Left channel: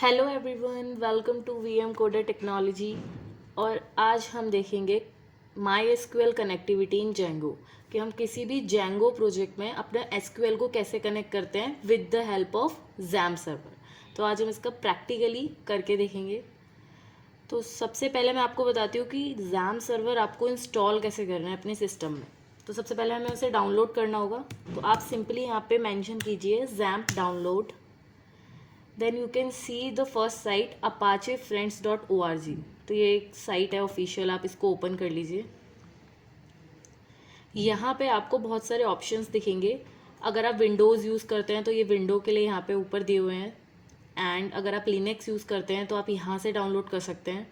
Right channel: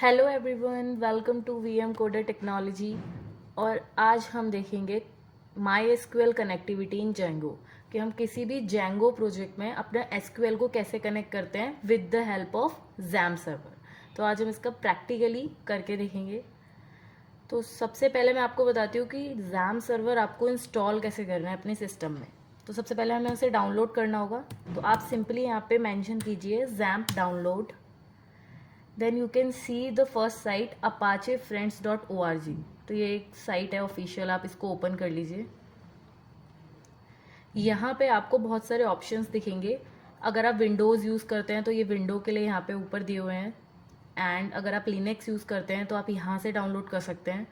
Hello everyone, welcome to VM coder technology. और आज हम देखेंगे MySQL connectivity in Django कि हम किसी भी जेंगो प्रोजेक्ट में अपने एसक्यूएल को कैसे कनेक्ट करते हैं with the help of jam server. तो आज हम इसका प्रैक्टिकली करके देखेंगे। तो सबसे पहले मैं आपको बताती हूँ कि जैम सर्वर आपको इंस्टॉल कैसे करना है अपने सिस्टम में। तो सबसे पहले हमें उसे डाउनलोड करना होगा। तो आप सिंपली यहाँ पे मेंशन कीजिए XAMPP download. Then you can see the first site apachefriends.org। तो ये एक साइट है ऑफिशियल, आप इसको ओपन कर लीजिए। यहाँ पे आपको बहुत सारे ऑप्शंस दिखेंगे। अगर आप विंडोज़ यूज़ करते हैं तो ये विंडो के लिए यहाँ पे ऊपर दिए हुए हैं, एंड अगर आप लिनक्स यूज़ करते हैं तो आप यहाँ से डाउनलोड कर सकते हैं।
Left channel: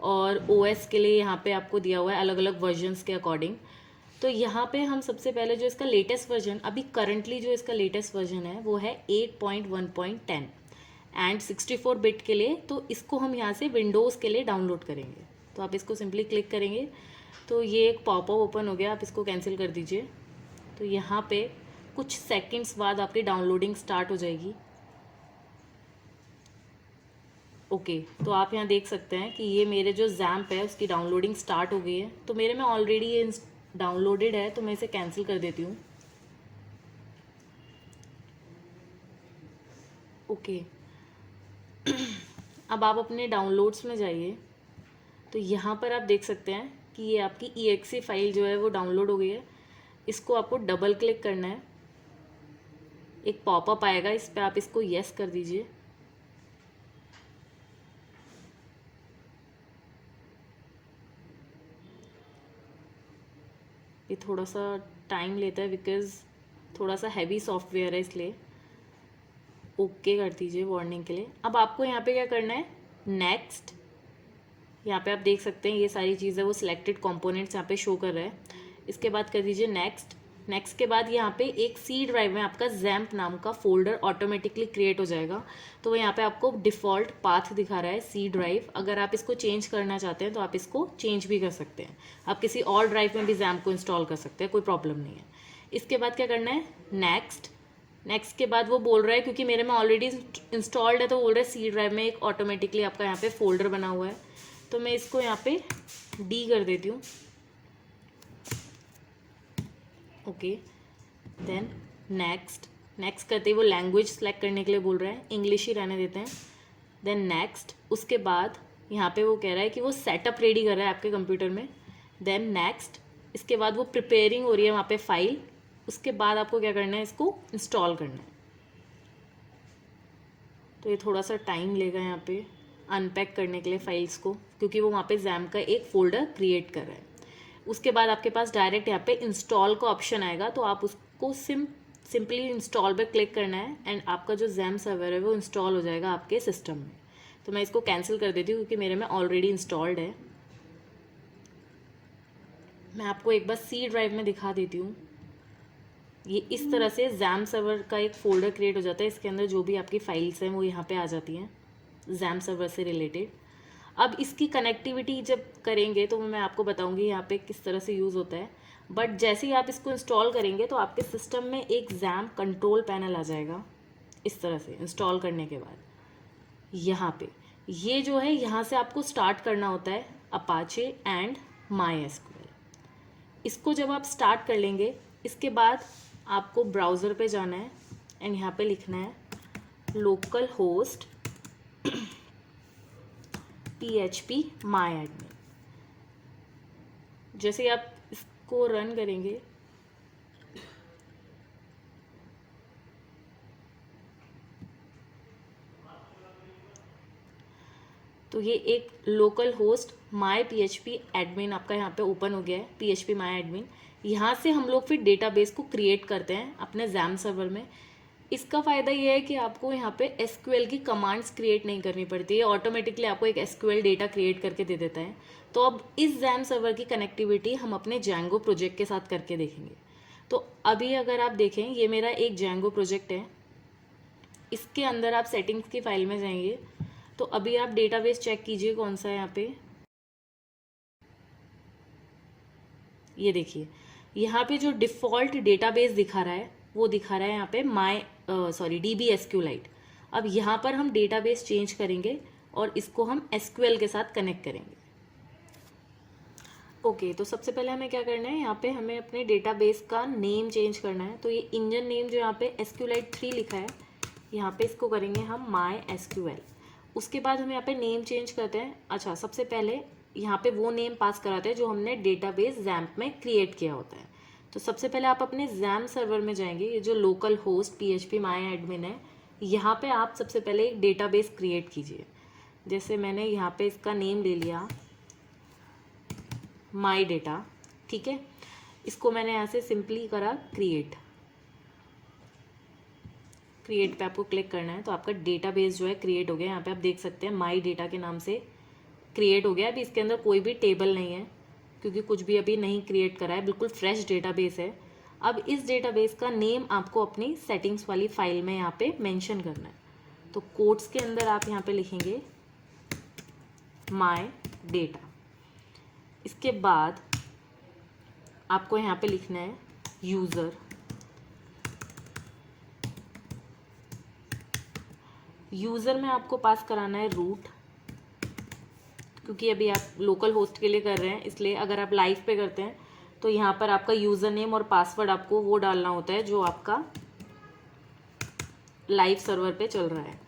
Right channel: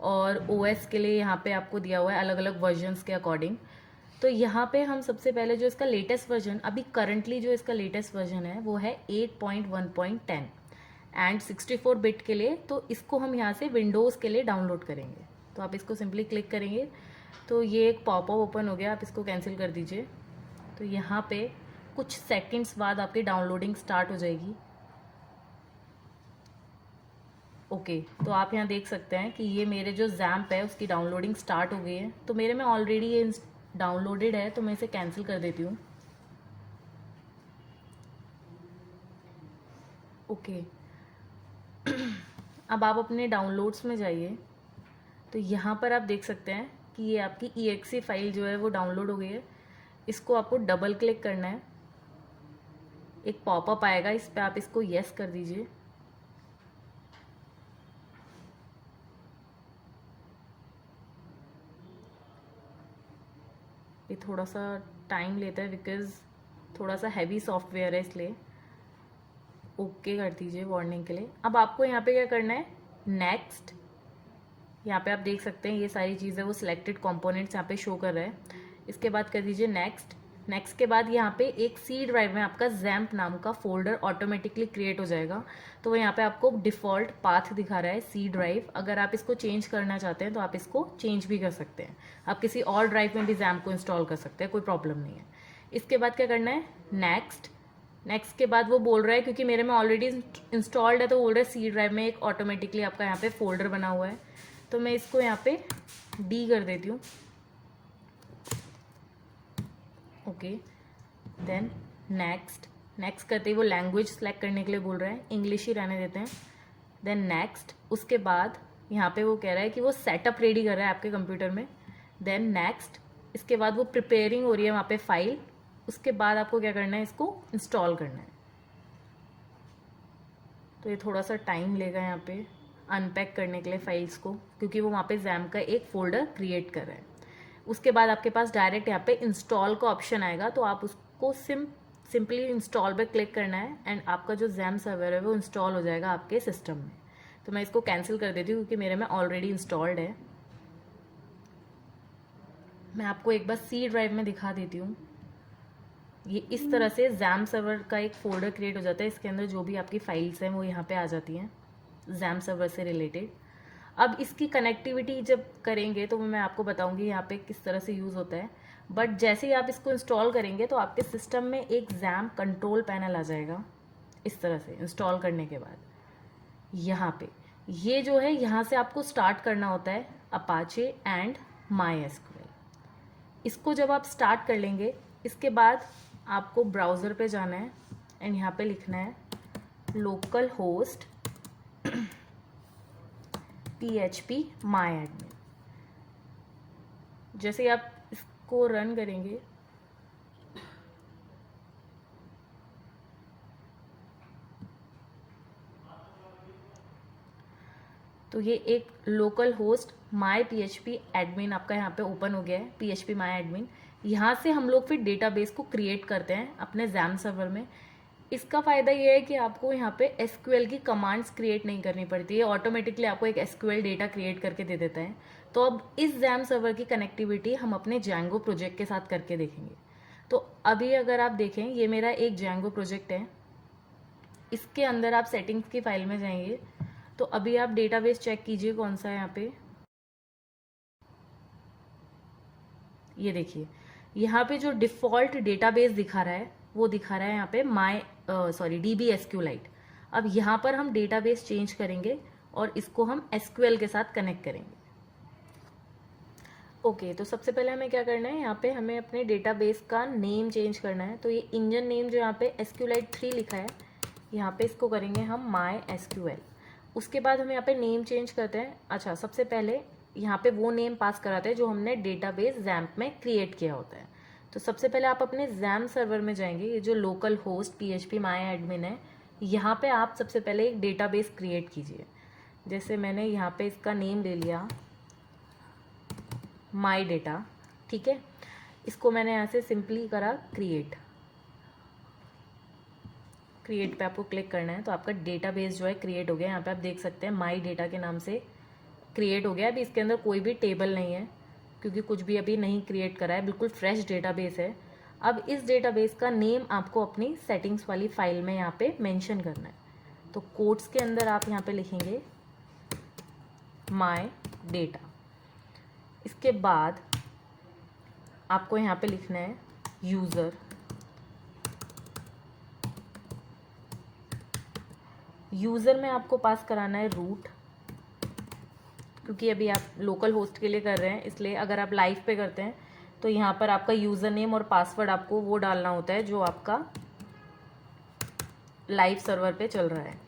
और ओएस के लिए यहाँ पे आपको दिया हुआ है अलग अलग वर्जन्स के अकॉर्डिंग। तो यहाँ पे हम सबसे पहले जो इसका लेटेस्ट वर्जन, अभी करंटली जो इसका लेटेस्ट वर्जन है वो है 8.1.10 एंड 64 बिट के लिए। तो इसको हम यहाँ से विंडोज़ के लिए डाउनलोड करेंगे। तो आप इसको सिंपली क्लिक करेंगे तो ये एक पॉपअप ओपन हो गया, आप इसको कैंसिल कर दीजिए। तो यहाँ पे कुछ सेकंड्स बाद आपकी डाउनलोडिंग स्टार्ट हो जाएगी। ओके, तो आप यहाँ देख सकते हैं कि ये मेरे जो जैम्प है उसकी डाउनलोडिंग स्टार्ट हो गई है। तो मेरे में ऑलरेडी ये डाउनलोडेड है, तो मैं इसे कैंसिल कर देती हूँ। ओके, अब आप अपने डाउनलोड्स में जाइए। तो यहाँ पर आप देख सकते हैं कि ये आपकी EXE फाइल जो है वो डाउनलोड हो गई है। इसको आपको डबल क्लिक करना है, एक पॉपअप आएगा, इस पर आप इसको यस कर दीजिए। ये थोड़ा सा टाइम लेता है बिकॉज़ थोड़ा सा हैवी सॉफ्टवेयर है, इसलिए ओके कर दीजिए वार्निंग के लिए। अब आपको यहाँ पे क्या करना है, नेक्स्ट। यहाँ पे आप देख सकते हैं ये सारी चीज़ें वो सिलेक्टेड कंपोनेंट्स यहाँ पे शो कर रहा है। इसके बाद कर दीजिए नेक्स्ट। नेक्स्ट के बाद यहाँ पे एक सी ड्राइव में आपका जैम्प नाम का फोल्डर ऑटोमेटिकली क्रिएट हो जाएगा। तो वो यहाँ पे आपको डिफ़ॉल्ट पाथ दिखा रहा है सी ड्राइव। अगर आप इसको चेंज करना चाहते हैं तो आप इसको चेंज भी कर सकते हैं। आप किसी और ड्राइव में भी जैम्प को इंस्टॉल कर सकते हैं, कोई प्रॉब्लम नहीं है। इसके बाद क्या करना है, नेक्स्ट। नेक्स्ट के बाद वो बोल रहा है, क्योंकि मेरे में ऑलरेडी इंस्टॉल्ड है, तो बोल रहा है सी ड्राइव में एक ऑटोमेटिकली आपका यहाँ पे फोल्डर बना हुआ है। तो मैं इसको यहाँ पे डी कर देती हूँ। Okay, then next. नेक्स्ट करते ही वो लैंग्वेज सेलेक्ट करने के लिए बोल रहा है, इंग्लिश ही रहने देते हैं। Then next. उसके बाद यहाँ पे वो कह रहा है कि वो सेटअप रेडी कर रहा है आपके कंप्यूटर में। Then next. इसके बाद वो प्रिपेयरिंग हो रही है वहाँ पे फाइल। उसके बाद आपको क्या करना है, इसको इंस्टॉल करना है। तो ये थोड़ा सा टाइम लेगा यहाँ पे अनपैक करने के लिए फाइल्स को, क्योंकि वो वहाँ पे जैम का एक फ़ोल्डर क्रिएट कर रहा है। उसके बाद आपके पास डायरेक्ट यहाँ पे इंस्टॉल का ऑप्शन आएगा, तो आप उसको सिंपली इंस्टॉल पे क्लिक करना है एंड आपका जो जैम सर्वर है वो इंस्टॉल हो जाएगा आपके सिस्टम में। तो मैं इसको कैंसिल कर देती हूँ क्योंकि मेरे में ऑलरेडी इंस्टॉल्ड है। मैं आपको एक बार सी ड्राइव में दिखा देती हूँ। ये इस तरह से जैम सर्वर का एक फ़ोल्डर क्रिएट हो जाता है। इसके अंदर जो भी आपकी फाइल्स हैं वो यहाँ पे आ जाती हैं जैम सर्वर से रिलेटेड। अब इसकी कनेक्टिविटी जब करेंगे तो मैं आपको बताऊंगी यहाँ पे किस तरह से यूज़ होता है। बट जैसे ही आप इसको इंस्टॉल करेंगे तो आपके सिस्टम में एक जैम कंट्रोल पैनल आ जाएगा इस तरह से। इंस्टॉल करने के बाद यहाँ पे ये जो है, यहाँ से आपको स्टार्ट करना होता है अपाचे एंड माई एसक्यूएल। इसको जब आप स्टार्ट कर लेंगे, इसके बाद आपको ब्राउज़र पे जाना है एंड यहाँ पे लिखना है लोकल होस्ट PHP माई एडमिन। जैसे ही आप इसको रन करेंगे तो ये एक लोकल होस्ट माई PHP एडमिन आपका यहाँ पे ओपन हो गया है, PHP माई एडमिन। यहाँ से हम लोग फिर डेटाबेस को क्रिएट करते हैं अपने जैम सर्वर में। इसका फ़ायदा ये है कि आपको यहाँ पे एसक्यूएल की कमांड्स क्रिएट नहीं करनी पड़ती है, ऑटोमेटिकली आपको एक एसक्यूएल डेटा क्रिएट करके दे देता है। तो अब इस जैम सर्वर की कनेक्टिविटी हम अपने जैंगो प्रोजेक्ट के साथ करके देखेंगे। तो अभी अगर आप देखें, ये मेरा एक जैंगो प्रोजेक्ट है। इसके अंदर आप सेटिंग्स की फाइल में जाएंगे तो अभी आप डेटाबेस चेक कीजिए कौन सा है यहाँ पे। ये देखिए, यहाँ पे जो डिफ़ॉल्ट डेटाबेस दिखा रहा है वो दिखा रहा है यहाँ पे DB SQLite। अब यहाँ पर हम डेटाबेस चेंज करेंगे और इसको हम एसक्यूएल के साथ कनेक्ट करेंगे। ओके तो सबसे पहले हमें क्या करना है, यहाँ पे हमें अपने डेटाबेस का नेम चेंज करना है। तो ये इंजन नेम जो यहाँ पे SQLite 3 लिखा है, यहाँ पे इसको करेंगे हम MySQL। उसके बाद हम यहाँ पे नेम चेंज करते हैं। अच्छा, सबसे पहले यहाँ पे वो नेम पास कराते हैं जो हमने डेटाबेस XAMPP में क्रिएट किया होता है। तो सबसे पहले आप अपने XAMPP सर्वर में जाएंगे, ये जो लोकल होस्ट PHP MyAdmin है, यहाँ पे आप सबसे पहले एक डेटाबेस क्रिएट कीजिए। जैसे मैंने यहाँ पे इसका नेम ले लिया माई डेटा, ठीक है। इसको मैंने यहाँ से सिंपली करा क्रिएट पे आपको क्लिक करना है, तो आपका डेटाबेस जो है क्रिएट हो गया। यहाँ पे आप देख सकते हैं माई डेटा के नाम से क्रिएट हो गया। अभी इसके अंदर कोई भी टेबल नहीं है क्योंकि कुछ भी अभी नहीं क्रिएट करा है, बिल्कुल फ्रेश डेटाबेस है। अब इस डेटाबेस का नेम आपको अपनी सेटिंग्स वाली फाइल में यहाँ पे मेंशन करना है। तो कोट्स के अंदर आप यहाँ पे लिखेंगे माई डेटा। इसके बाद आपको यहाँ पे लिखना है यूज़र। यूज़र में आपको पास कराना है रूट, क्योंकि अभी आप लोकल होस्ट के लिए कर रहे हैं, इसलिए अगर आप लाइव पे करते हैं तो यहाँ पर आपका यूज़र नेम और पासवर्ड आपको वो डालना होता है जो आपका लाइव सर्वर पे चल रहा है।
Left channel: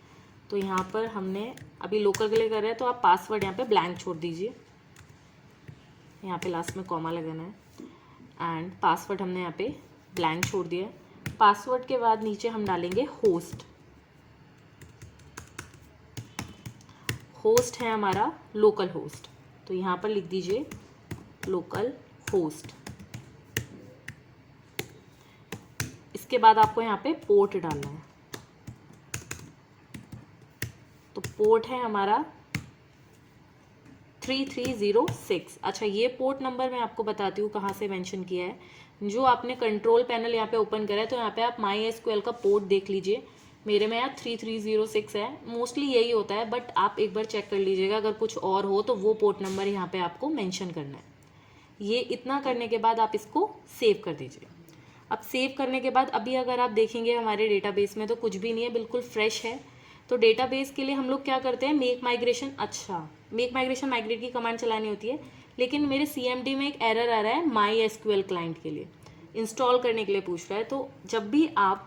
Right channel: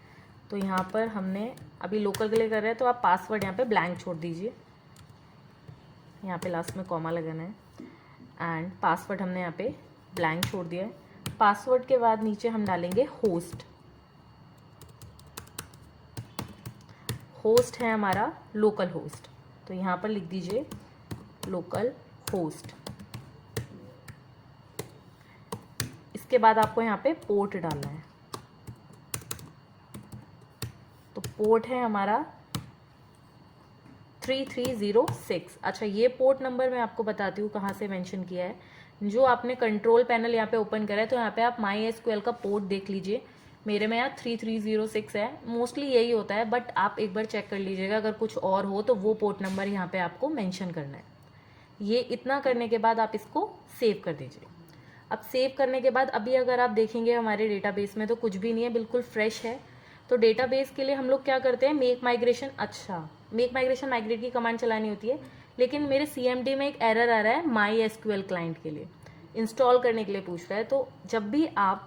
तो यहाँ पर हमने अभी लोकल के लिए कर रहे हैं, तो आप पासवर्ड यहाँ पे ब्लैंक छोड़ दीजिए। यहाँ पे लास्ट में कॉमा लगाना है एंड पासवर्ड हमने यहाँ पे ब्लैंक छोड़ दिया है। पासवर्ड के बाद नीचे हम डालेंगे होस्ट। होस्ट है हमारा लोकल होस्ट, तो यहाँ पर लिख दीजिए लोकल होस्ट। इसके बाद आपको यहाँ पे पोर्ट डालना है, तो पोर्ट है हमारा 3306। अच्छा, ये पोर्ट नंबर मैं आपको बताती हूँ कहाँ से मेंशन किया है। जो आपने कंट्रोल पैनल यहाँ पे ओपन करा है, तो यहाँ पे आप MySQL का पोर्ट देख लीजिए। मेरे में यहाँ 3306 है, मोस्टली यही होता है, बट आप एक बार चेक कर लीजिएगा, अगर कुछ और हो तो वो पोर्ट नंबर यहाँ पे आपको मेंशन करना है। ये इतना करने के बाद आप इसको सेव कर दीजिए। अब सेव करने के बाद अभी अगर आप देखेंगे हमारे डेटाबेस में तो कुछ भी नहीं है, बिल्कुल फ्रेश है। तो डेटाबेस के लिए हम लोग क्या करते हैं, मेक माइग्रेशन। अच्छा, मेक माइग्रेशन माइग्रेट की कमांड चलानी होती है, लेकिन मेरे CMD में एक एरर आ रहा है MySQL क्लाइंट के लिए इंस्टॉल करने के लिए पूछ रहा है। तो जब भी आप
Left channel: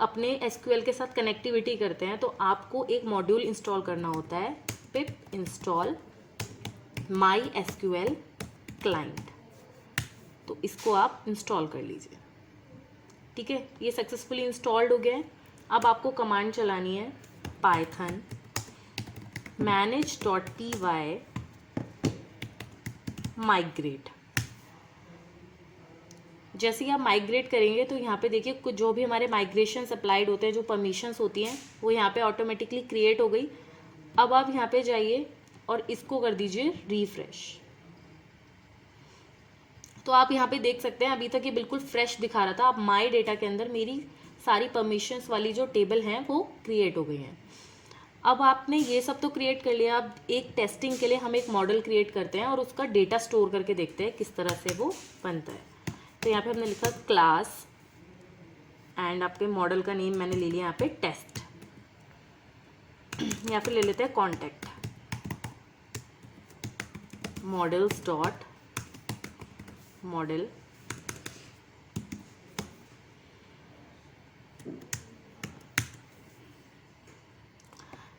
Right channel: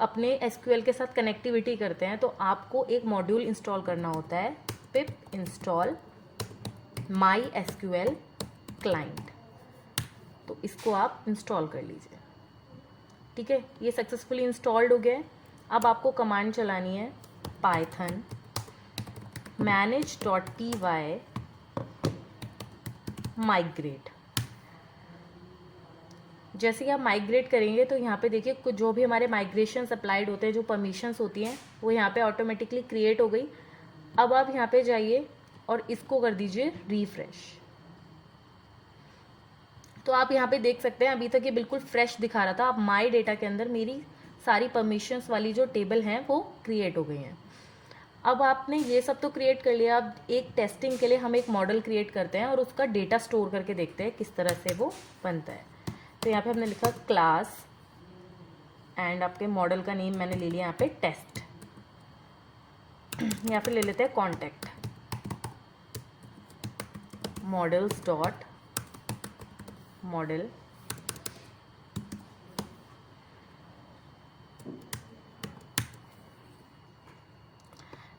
अपने SQL के साथ कनेक्टिविटी करते हैं तो आपको एक मॉड्यूल इंस्टॉल करना होता है, पिप इंस्टॉल MySQL क्लाइंट। तो इसको आप इंस्टॉल कर लीजिए, ठीक है। ये सक्सेसफुली इंस्टॉल्ड हो गया है। अब आपको कमांड चलानी है पाइथन manage.py माइग्रेट। जैसे ही आप माइग्रेट करेंगे तो यहाँ पे देखिए कुछ जो भी हमारे माइग्रेशन अप्लाइड होते हैं, जो परमिशंस होती हैं, वो यहाँ पे ऑटोमेटिकली क्रिएट हो गई। अब आप यहाँ पे जाइए और इसको कर दीजिए रिफ्रेश। तो आप यहाँ पे देख सकते हैं अभी तक ये बिल्कुल फ्रेश दिखा रहा था। अब माई डेटा के अंदर मेरी सारी परमिशंस वाली जो टेबल हैं वो क्रिएट हो गई हैं। अब आपने ये सब तो क्रिएट कर लिया। अब एक टेस्टिंग के लिए हम एक मॉडल क्रिएट करते हैं और उसका डेटा स्टोर करके देखते हैं किस तरह से वो बनता है। तो यहाँ पे हमने लिखा क्लास एंड आपके मॉडल का नेम मैंने ले लिया यहाँ पे टेस्ट। या फिर ले लेते हैं contact models dot model.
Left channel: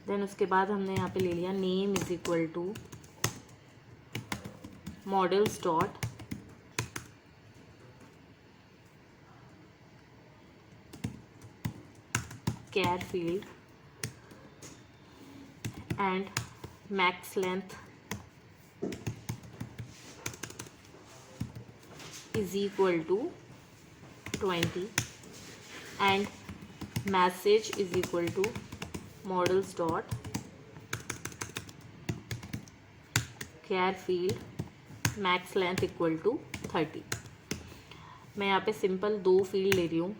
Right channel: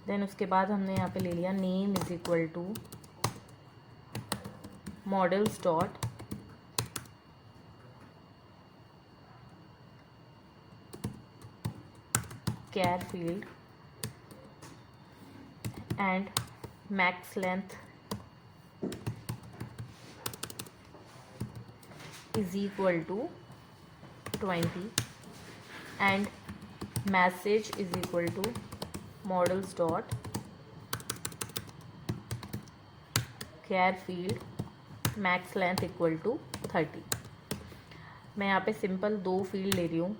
Then उसके बाद हमने यहाँ पे ले लिया name is equal to models dot care field and max length is equal to 20 and message is equal to models dot care field max length equal to 30। मैं यहाँ पे सिंपल 2 फील्ड ले रही हूँ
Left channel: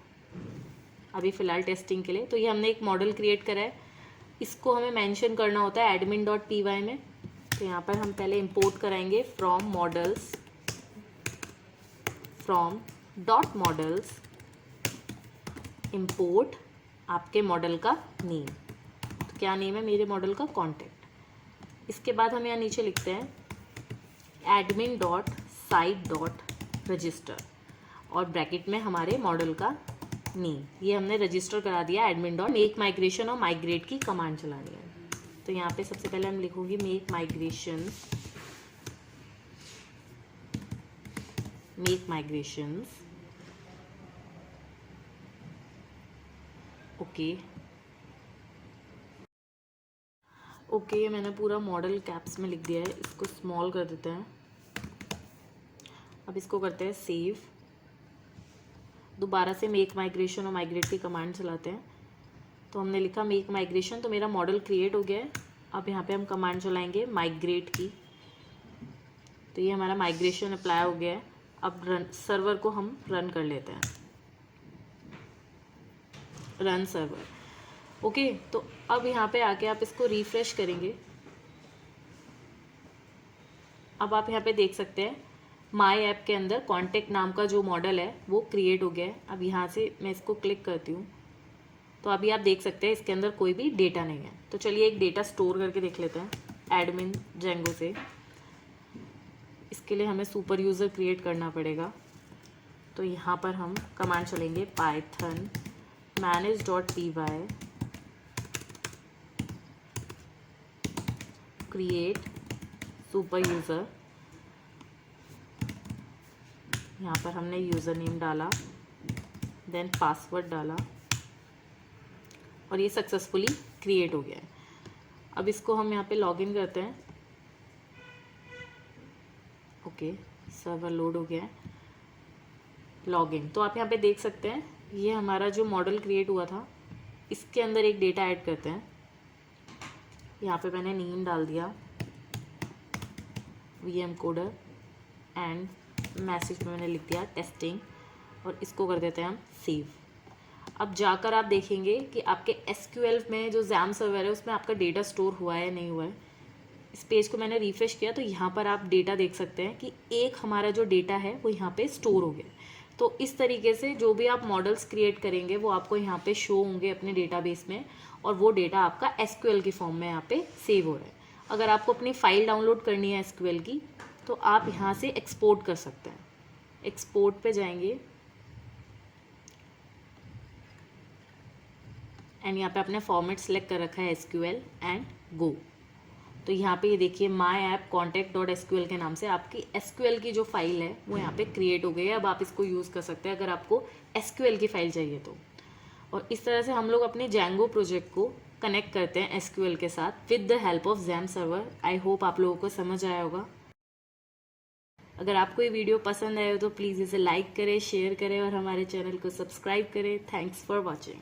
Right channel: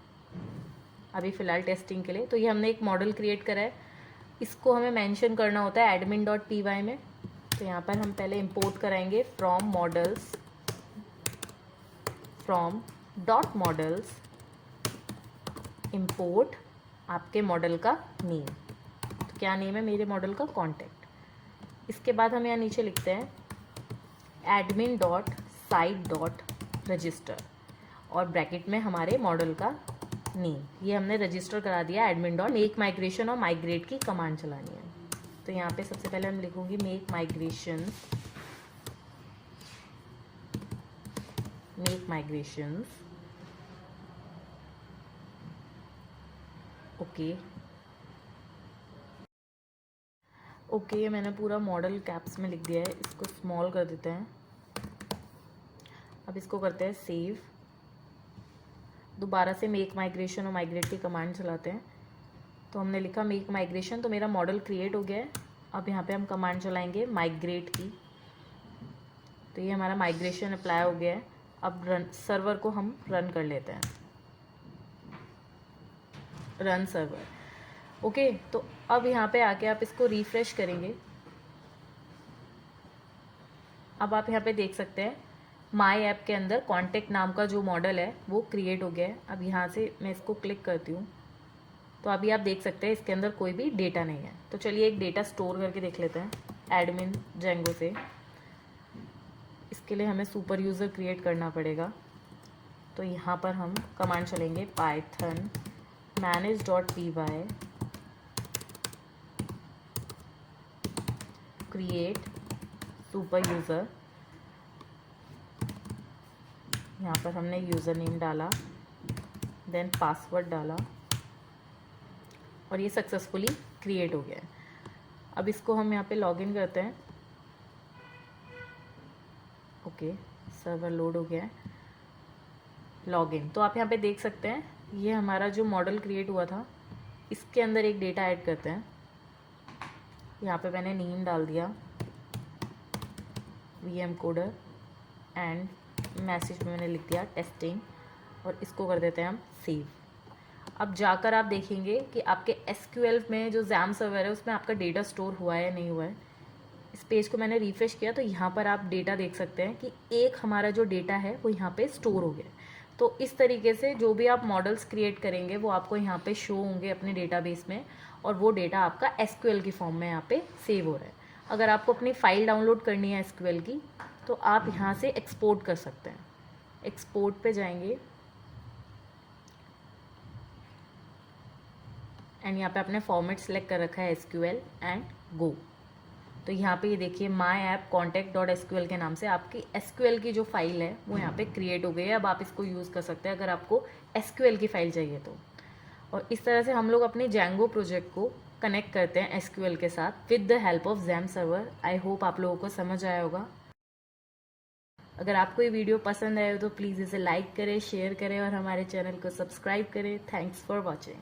अभी फ़िलहाल टेस्टिंग के लिए। तो ये हमने एक मॉडल क्रिएट करा है, इसको हमें मेंशन करना होता है admin.py में। तो यहाँ पर हम पहले इंपोर्ट कराएंगे from models from dot models import आपके मॉडल का नेम। क्या नेम है मेरे मॉडल का, कॉन्टैक्ट। इसके बाद हम यहाँ नीचे लिखते हैं admin dot site dot register और ब्रैकेट में हमारे मॉडल का नेम। ये हमने रजिस्टर करा दिया एडमिन डॉट मेक माइग्रेशन और माइग्रेट की कमांड चलानी है। तो यहाँ पे सबसे पहले हम लिखूंगी मेक माइग्रेशंस ओके, मैंने पूरा मॉडल कैप्स में लिख दिया है। इसको स्मॉल कर देते हैं। अब इसको करते हैं सेव। दोबारा से मेक माइग्रेशन और माइग्रेट की कमांड चलाते हैं। तो हमने लिखा मेक माइग्रेशन, तो मेरा मॉडल क्रिएट हो गया है। अब यहाँ पे हम कमांड चलाएंगे माइग्रेट की। तो ये हमारा माइग्रेशन अप्लाई हो गया है। अब सर्वर को हम रन कर लेते हैं, रन सर्वर। ओके, तो अब यहाँ पे आके आप इसको रिफ्रेश करेंगे। अब आप यहाँ पे देख सकते हैं माई ऐप के अंदर कॉन्टैक्ट नाम का जो मॉडल है वो क्रिएट हो गया है। अब यहाँ से मैं इसको क्लिक करती हूँ तो अभी आप देख सकते हैं इसके अंदर कोई भी डेटा नहीं है। तो चलिए एक डेटा स्टोर करके देख लेते हैं एडमिन जेंगो से। इसके लिए हमें सुपर यूज़र क्रिएट करना पड़ेगा। तो यहाँ पर हम कमांड चलेंगे Python manage.py create super user. यहाँ पर हमने यूज़र नेम डाला, देन पासवर्ड डाला और ये सक्सेसफुली क्रिएट हो गया है। अब इसको हम यहाँ पे लॉगिन करते हैं। ओके, सर्वर लोड हो गया है। लॉगिन, तो आप यहाँ पे देख सकते हैं ये हमारा जो मॉडल क्रिएट हुआ था इसके अंदर एक डेटा ऐड करते हैं। यहाँ पे मैंने नेम डाल दिया VM कोडर एंड मैसेज में मैंने लिख दिया टेस्टिंग और इसको कर देते हैं हम सेव। अब जाकर आप देखेंगे कि आपके SQL में जो जैम सर्वर है उसमें आपका डेटा स्टोर हुआ है नहीं हुआ है। इस पेज को मैंने रिफ्रेश किया तो यहाँ पर आप डेटा देख सकते हैं कि एक हमारा जो डेटा है वो यहाँ पे स्टोर हो गया। तो इस तरीके से जो भी आप मॉडल्स क्रिएट करेंगे वो आपको यहाँ पे शो होंगे अपने डेटाबेस में और वो डेटा आपका SQL की फॉर्म में यहाँ पे सेव हो रहा है। अगर आपको अपनी फ़ाइल डाउनलोड करनी है SQL की तो आप यहाँ से एक्सपोर्ट कर सकते हैं। एक्सपोर्ट पे जाएंगे एंड यहाँ पे आपने फॉर्मेट सेलेक्ट कर रखा है SQL एंड गो। तो यहाँ पे ये देखिए माई ऐप contact.sql के नाम से आपकी SQL की जो फाइल है वो यहाँ पे क्रिएट हो गई है। अब आप इसको यूज़ कर सकते हैं अगर आपको SQL की फ़ाइल चाहिए तो। और इस तरह से हम लोग अपने Django प्रोजेक्ट को कनेक्ट करते हैं SQL के साथ with the help of jam server. I hope आप लोगों को समझ आया होगा। अगर आपको ये वीडियो पसंद आए तो प्लीज़ इसे लाइक करें, शेयर करें और हमारे चैनल को सब्सक्राइब करें। Thanks for watching.